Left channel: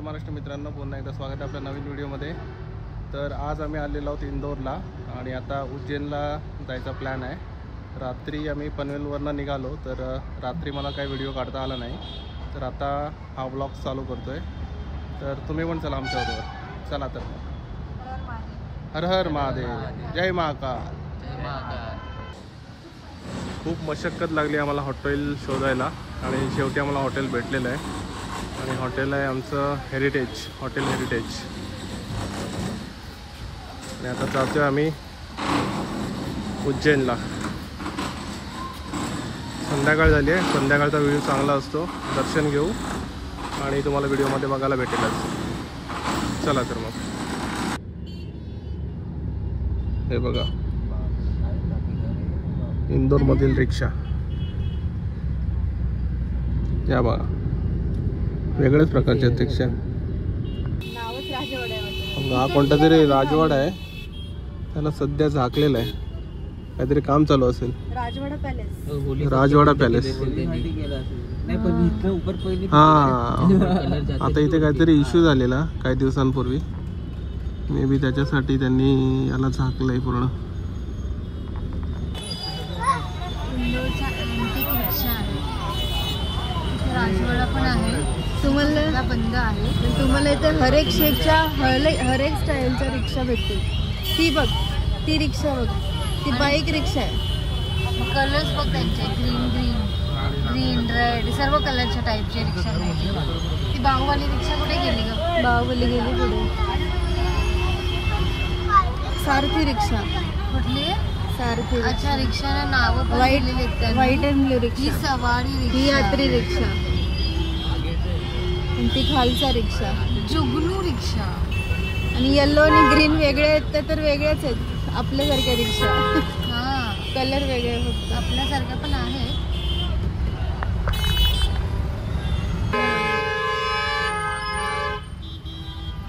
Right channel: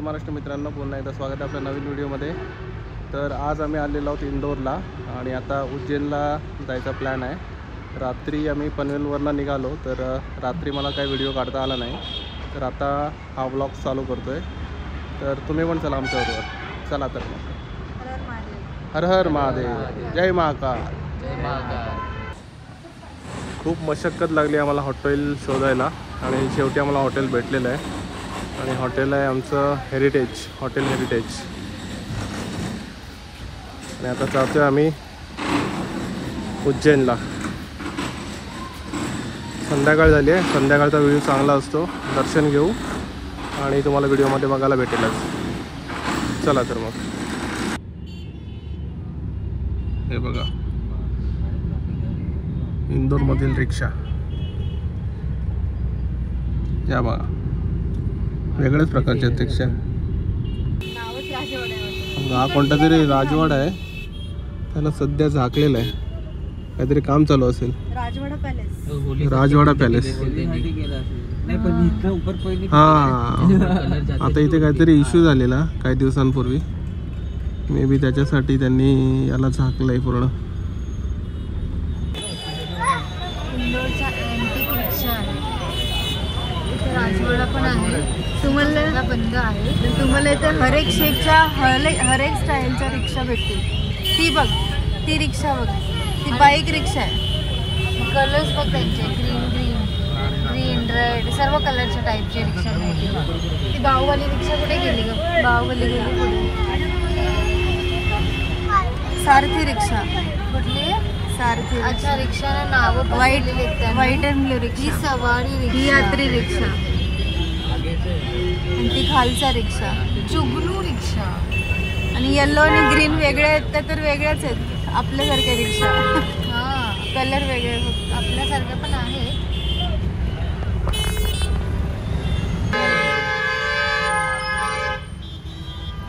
जय महाराष्ट्र मित्रांनो, पुन्हा एकदा स्वागत आहे आपल्या नवीन व्हिडिओमध्ये। तर आज आम्ही आलेलो आहोत इंदोरला आणि आता उज्जैनला जायचा प्लॅन आहे। रात्री आम्ही पनवेलवरनं निघालो, तर रात्री मला काही व्हिडिओ काढता आला नाही, तर आता हा व्लॉग चालू करतो आहे। तर तुम्ही पण चला आमच्याबरोबर। चला तर हर हर महादेव, जय महाकाल। खूप मशक्कत लागली आम्हाला हॉटेल शोधायला आणि शेवटी आम्हाला हॉटेल भेटलेलं आहे आणि हॉटेल आहे आमचं हेरिटेज, हॉटेल हेरिटेज। आणि आता चालतोय आम्ही उज्जैनला। संध्याकाळ झाली आहे, संध्याकाळचा व्ह्यू चांगला असतो, दर्शन घेऊ आणि तुम्हाला व्हिडिओमध्ये बघायला भेटेलच। चला तर मग। हे बघा इंदोरमधील रिक्षा, या बघा वेगळ्याच प्रकारचे रिक्षा। हा कोणता तरी राजवाडा आहे, त्याला सध्या झाकलेलं आहे, काहीतरी काम चालू असेल। राजवाडा पॅलेस। हा आता इथे काहीतरी इश्यू झालेला काही दिवसांपूर्वी, मे बी त्याच्यासाठी त्यांनी याला झाकलंय पूर्ण। राजवाडा पण आहे, तुम्हाला बंद आहे, तुम्हाला इथे हर एक शीटच्या हर एक स्टाईलच्या रिक्षा भेटतील। ती बघ, ती रिक्षा बघ, ती बाईक रिक्षा आहे। कलर्स बघ त्यांचे, ग्रीन रेड सर्व कलरच्या टाईपची रिक्षा भेटतील। ती बाहुबली रिक्षा कुठे गेली ग? बाहुबली सारथी रिक्षा कुठली? सारथी। अच्छा, रिक्षाला नाव पण लिहिलेली आहेत, व्हाईट अँड ही सवारी रिक्षा, यात्री रिक्षा, ती खालचा रिक्षा जुगनू रिक्षा। आणि येलो आणि ग्रीन वेगळे आहेत तर वेगळ्याच आहेत आपल्यासारख्या रिक्षा। हा कलर वेगळे आपल्यासारखे पण आहे।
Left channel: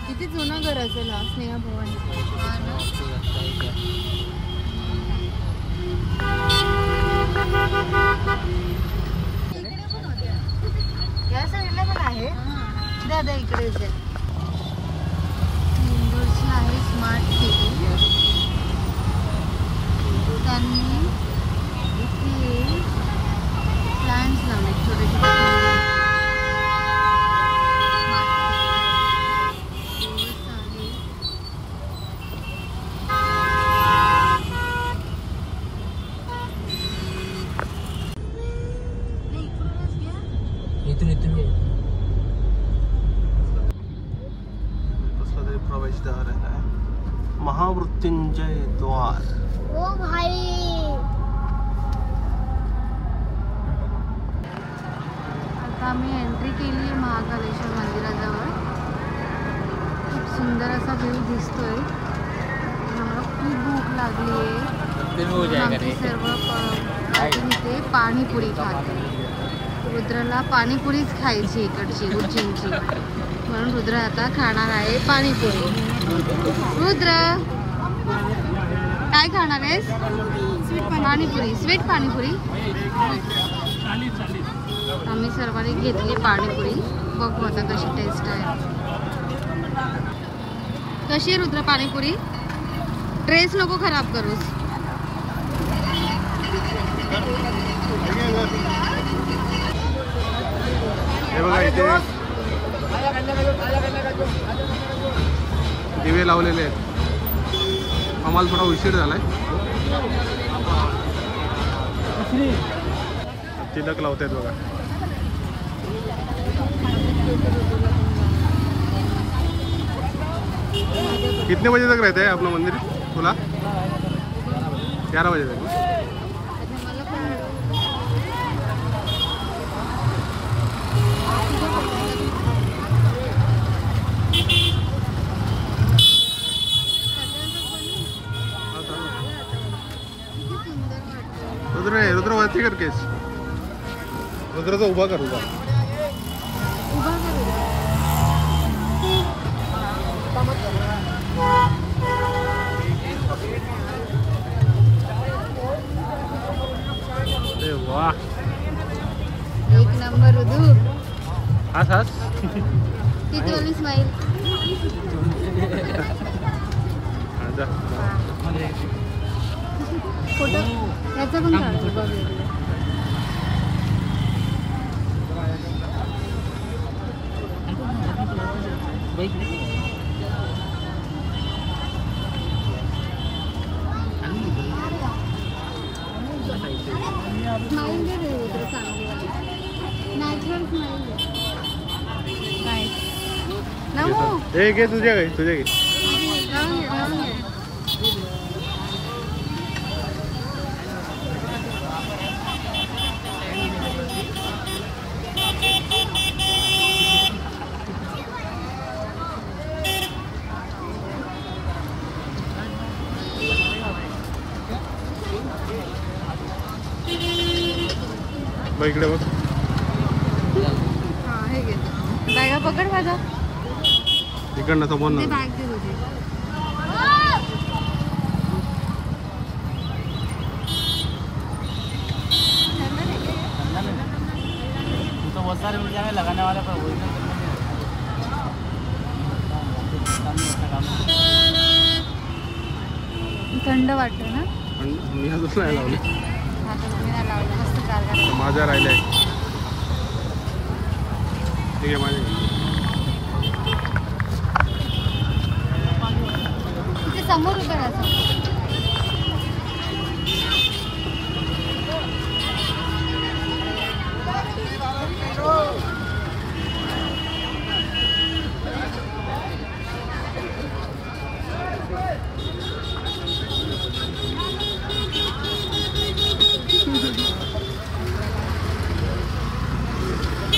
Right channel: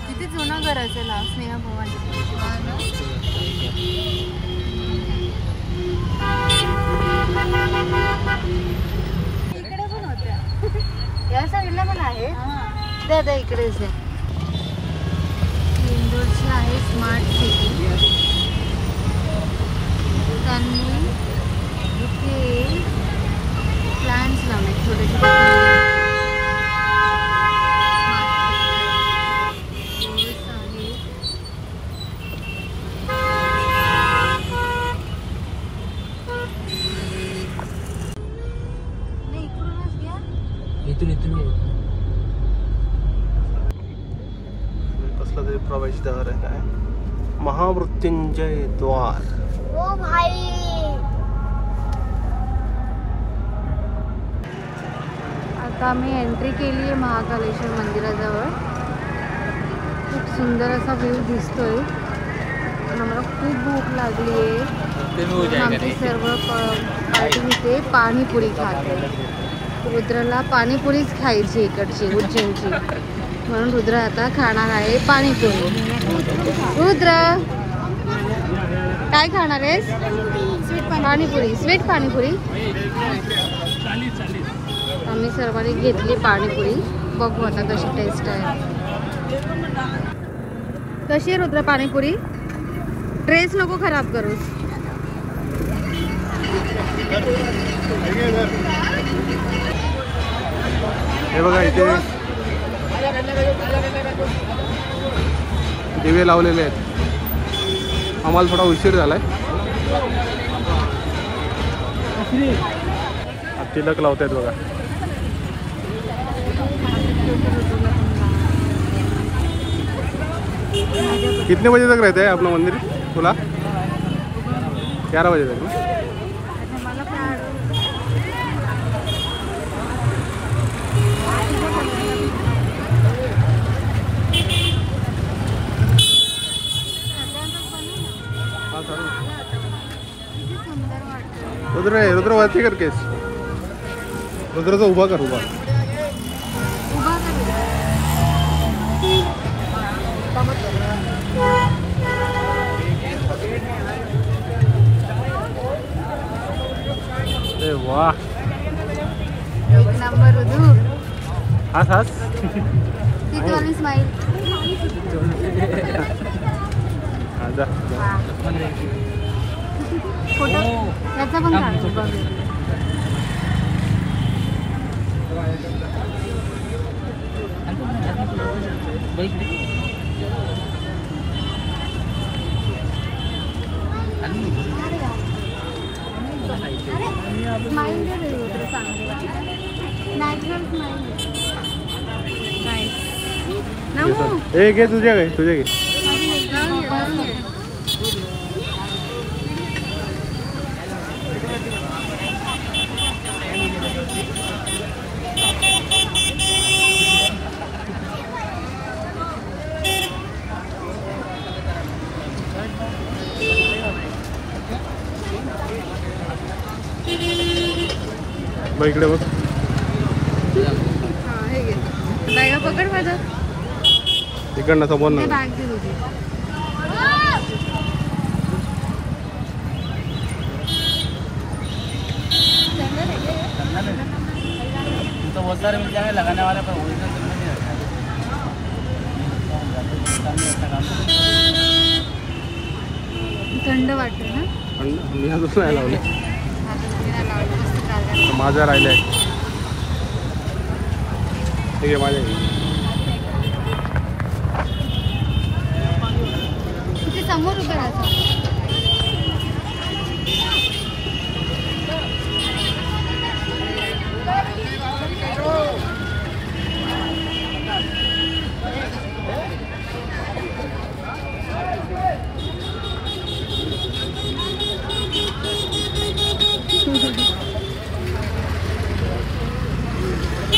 किती जुनं घर असेल हा स्नेहा भवन। इकडे पण होत्या, या साईडला पण आहे दादा, इकडेच आहे। इंदोरची आहे स्मार्ट सिटी, त्यांनी इथे प्लॅन्स लावले छोटे छोटे। कसला तरी प्रवेशद्वार आहे, काय महामृत्युंजय द्वार। आता आम्ही एंट्री केली आहे महाकालेश्वर मंदिराजवळ। खूप सुंदर असा व्ह्यू दिसतोय। आम्हाला खूप भूक लागली आहे, आमची सर्व पार्टी इथे पाणीपुरी खाते। रुद्राला पाणीपुरीच खायची इकडची उज्जैनची, म्हणून रुद्र आता खाणार आहे पाणीपुरी। रुद्र काय खाणार आहेस? पाणीपुरी, स्वीट पाणीपुरी। आम्ही सर्वांनी घेतली पाणीपुरी, बघू आता कशी टेस्ट आहे। कशी आहे रुद्र पाणीपुरी? ड्रेस नको खराब करूस। हे बघा इथे दिवे लावलेले आहेत। आम्हाला थोडा उशीर झालाय, तिलक लावतायत बघा। कितने बजे तक रहते हैं अपना मंदिर खुला? 11 बजे तक ना? रुद्र वरती कर केस, रुद्रचा उभा कर, उभा। वाह, हास हास हा, जा. घे घे तुझे घे तुझे घे. बघ इकडे बघ. पकड माझा इकडनं समोर ना. बॅग दे तुझी. तो बहुत सारे मिल जाएंगे लगाने वाले पर ओरिजिनल थंड वाटतो ना. मी अजून नाही लावले. माझ्या राहिले ठीक आहे माझ्या. तिथे समोर उभं राहायचं.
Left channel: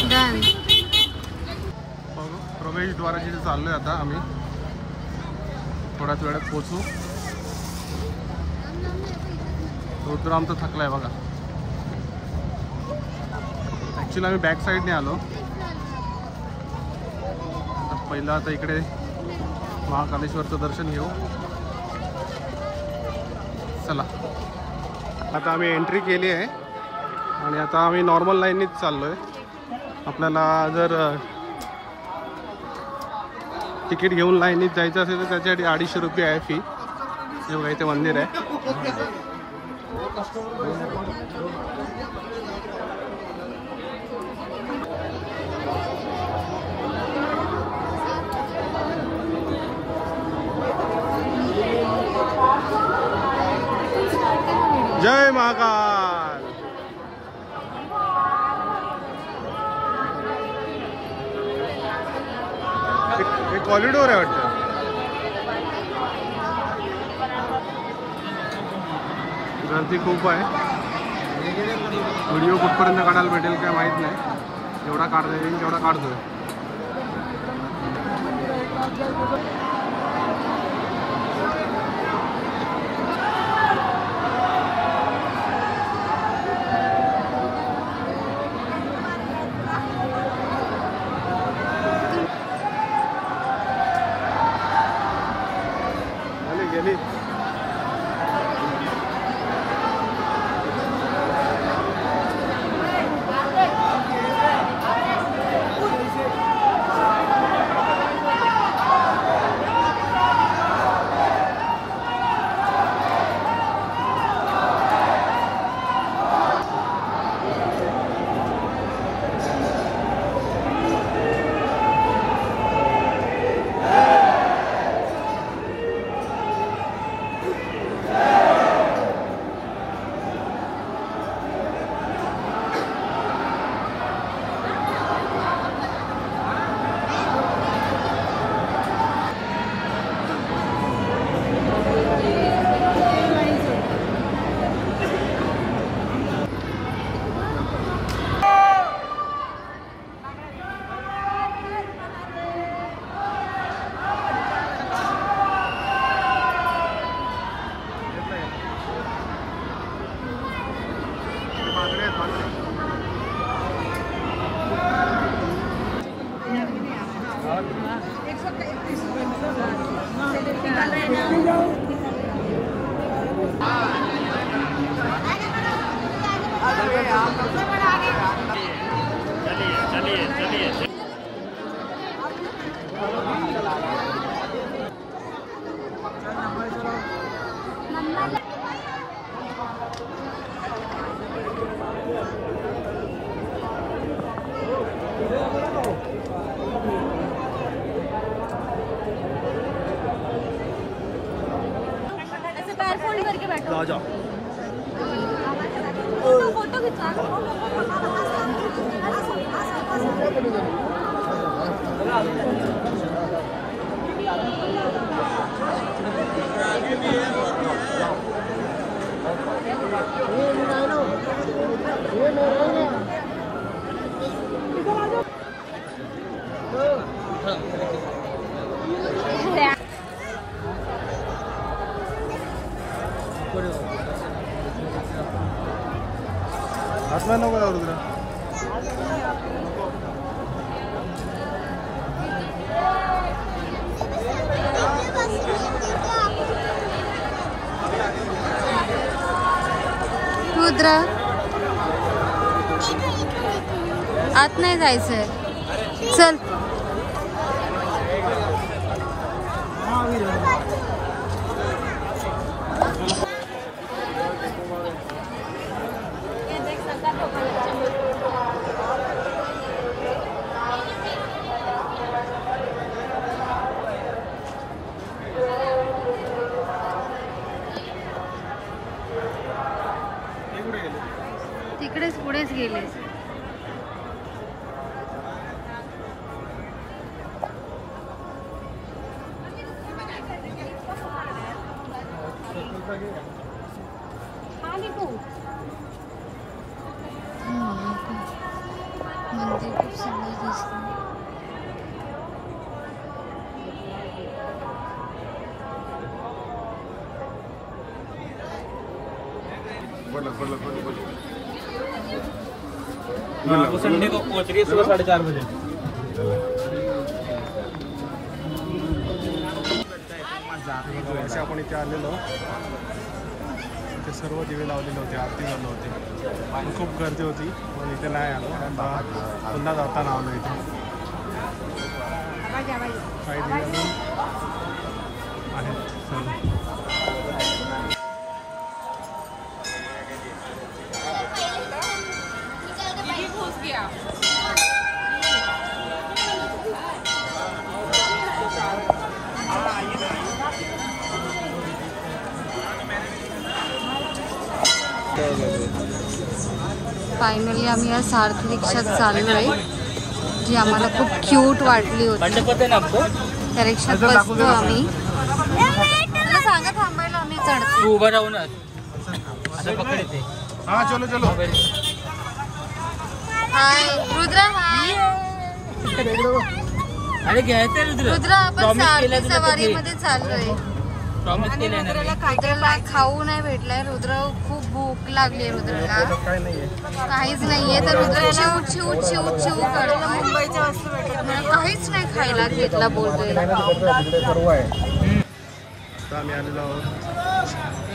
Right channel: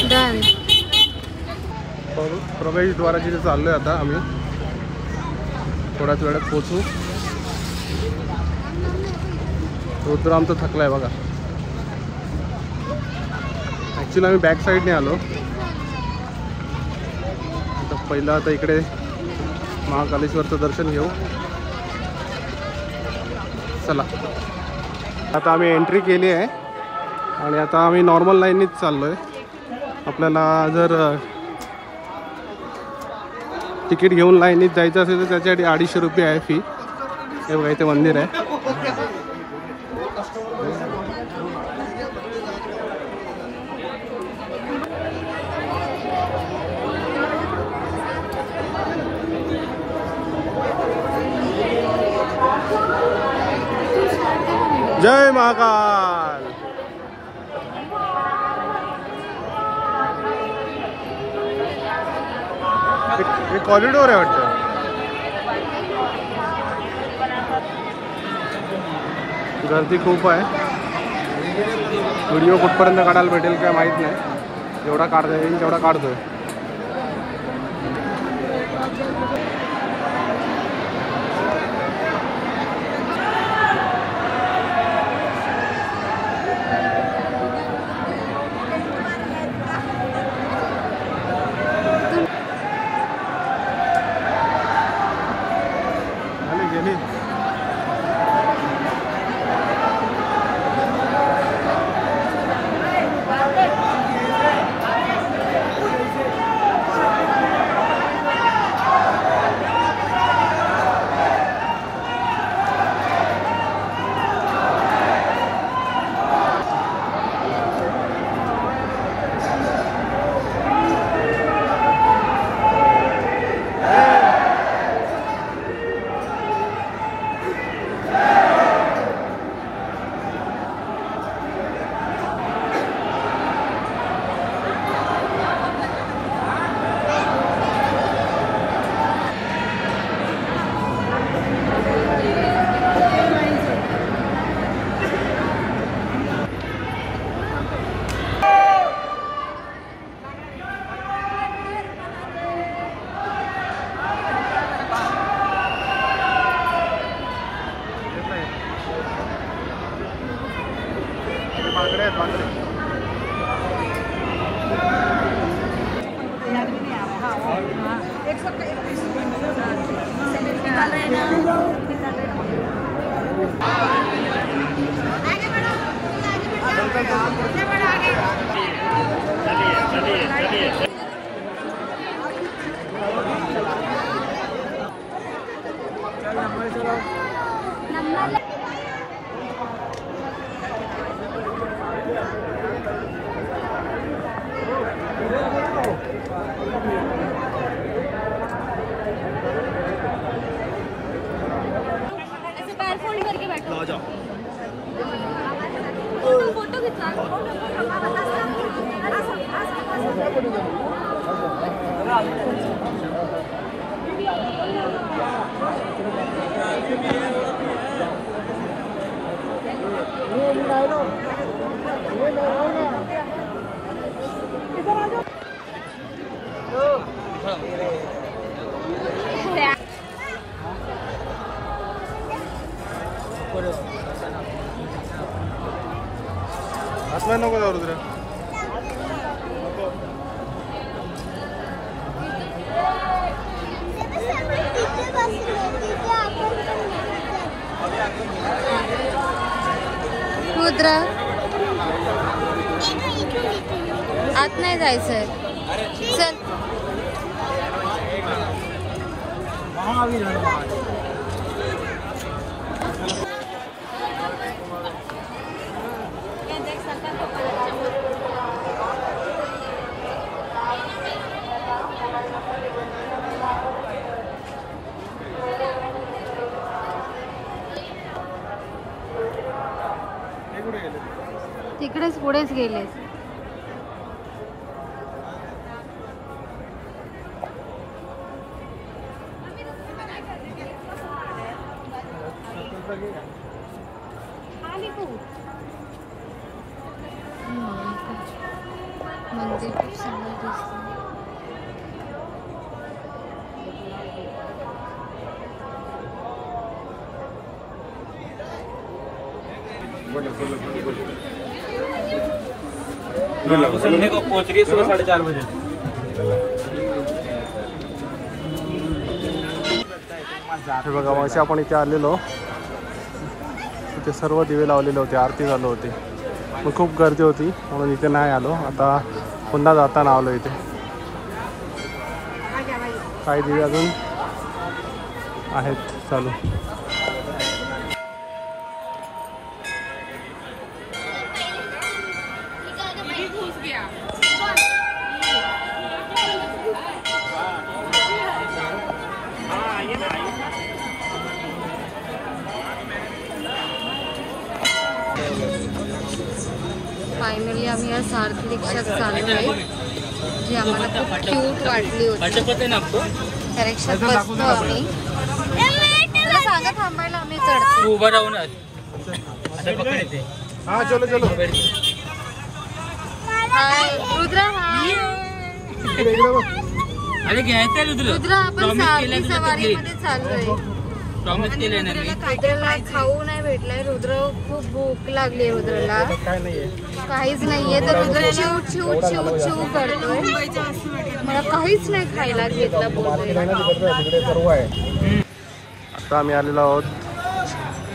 डन. प्रवेशद्वाराची तिथे चाललोय आता आम्ही. थोड्याच वेळात पोहोचू. रुद्र आमचा थकलाय बघा. ॲक्च्युली आम्ही बॅक साईडने आलो. आता पहिलं आता इकडे महाकालेश्वरचं दर्शन घेऊ. चला आता आम्ही एंट्री केली आहे आणि आता आम्ही नॉर्मल लाईननीच चाललो आहे. आपल्याला जर तिकीट घेऊन लाईनीत जायचं असेल तर त्याच्यासाठी 250 रुपये आहे फी. हे बघा इथे मंदिर आहे. जय महाकाल. एक कॉरिडोर आहे वाटतं. गर्दी खूप आहे. व्हिडिओ कुठपर्यंत काढायला भेटेल काय माहीत नाही. जेवढा काढता येईल तेवढा काढतोय. आतमध्ये नको जाऊ रुद्र. रुद्र आत नाही जायचंय. चल तिकडेच पुढेच गेलेस. मंदिर खूप सुंदर दिसतं. संडे को पहुंच रही है 4:30 बजे. हे बघा असे आपण इथे आलेलो. इथे सर्व दिवे लावलेले होते, आरती चालू होती. मग खूप गर्दी होती म्हणून इथे नाही आलो. आता पुन्हा जाताना आलो इथे. काही दिवे अजून आहेत चालू. फायनली आम्ही या सारथी रिक्षात चाललोय, जी आम्हाला खूप क्यूट वाटली होती. त्या रिक्षात बसतो आम्ही. मला सांगा थांबायला, आम्ही चढतो. उभं राहून पकडते. हा चलो चलो. हाय रुद्र. हाय अरे घ्यायचं रुद्र. आपण सारथी सवारीमध्ये चाललोय. प्रॉमिस केलंय ना मी. रुद्रला खाऊ नाही भेटलाय. रुद्र खूप भूक लागली. रुद्रला काहीच नाहीये तर रुद्र चिव चिव चिव चिव करतोय. मला काहीच नाही खायला घेतला बोलतोय. आता आम्ही आलेलो आहोत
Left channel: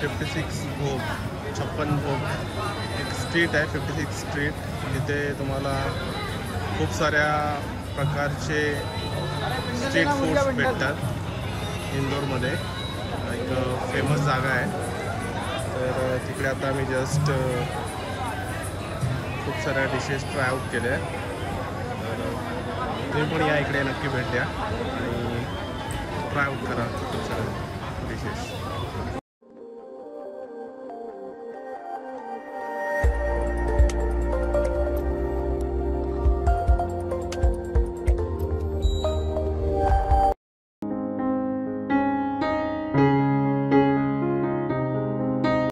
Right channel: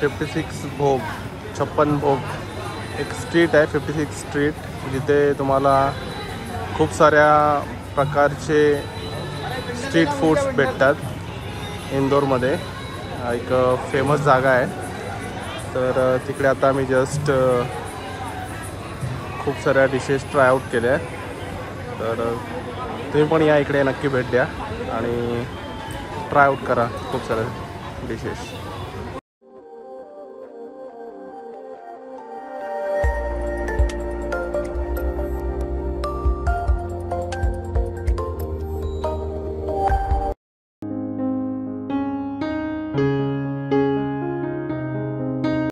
56 भोग, 56 भोग. एक स्ट्रीट आहे 56 स्ट्रीट, जिथे तुम्हाला खूप साऱ्या प्रकारचे स्ट्रीट फूड्स भेटतात. इंदोरमध्ये एक फेमस जागा आहे. तर तिकडे आता आम्ही जस्ट खूप साऱ्या डिशेस ट्राय आऊट केल्या. तर तुम्ही पण या इकडे नक्की भेट द्या आणि ट्राय आऊट करा खूप साऱ्या डिशेस.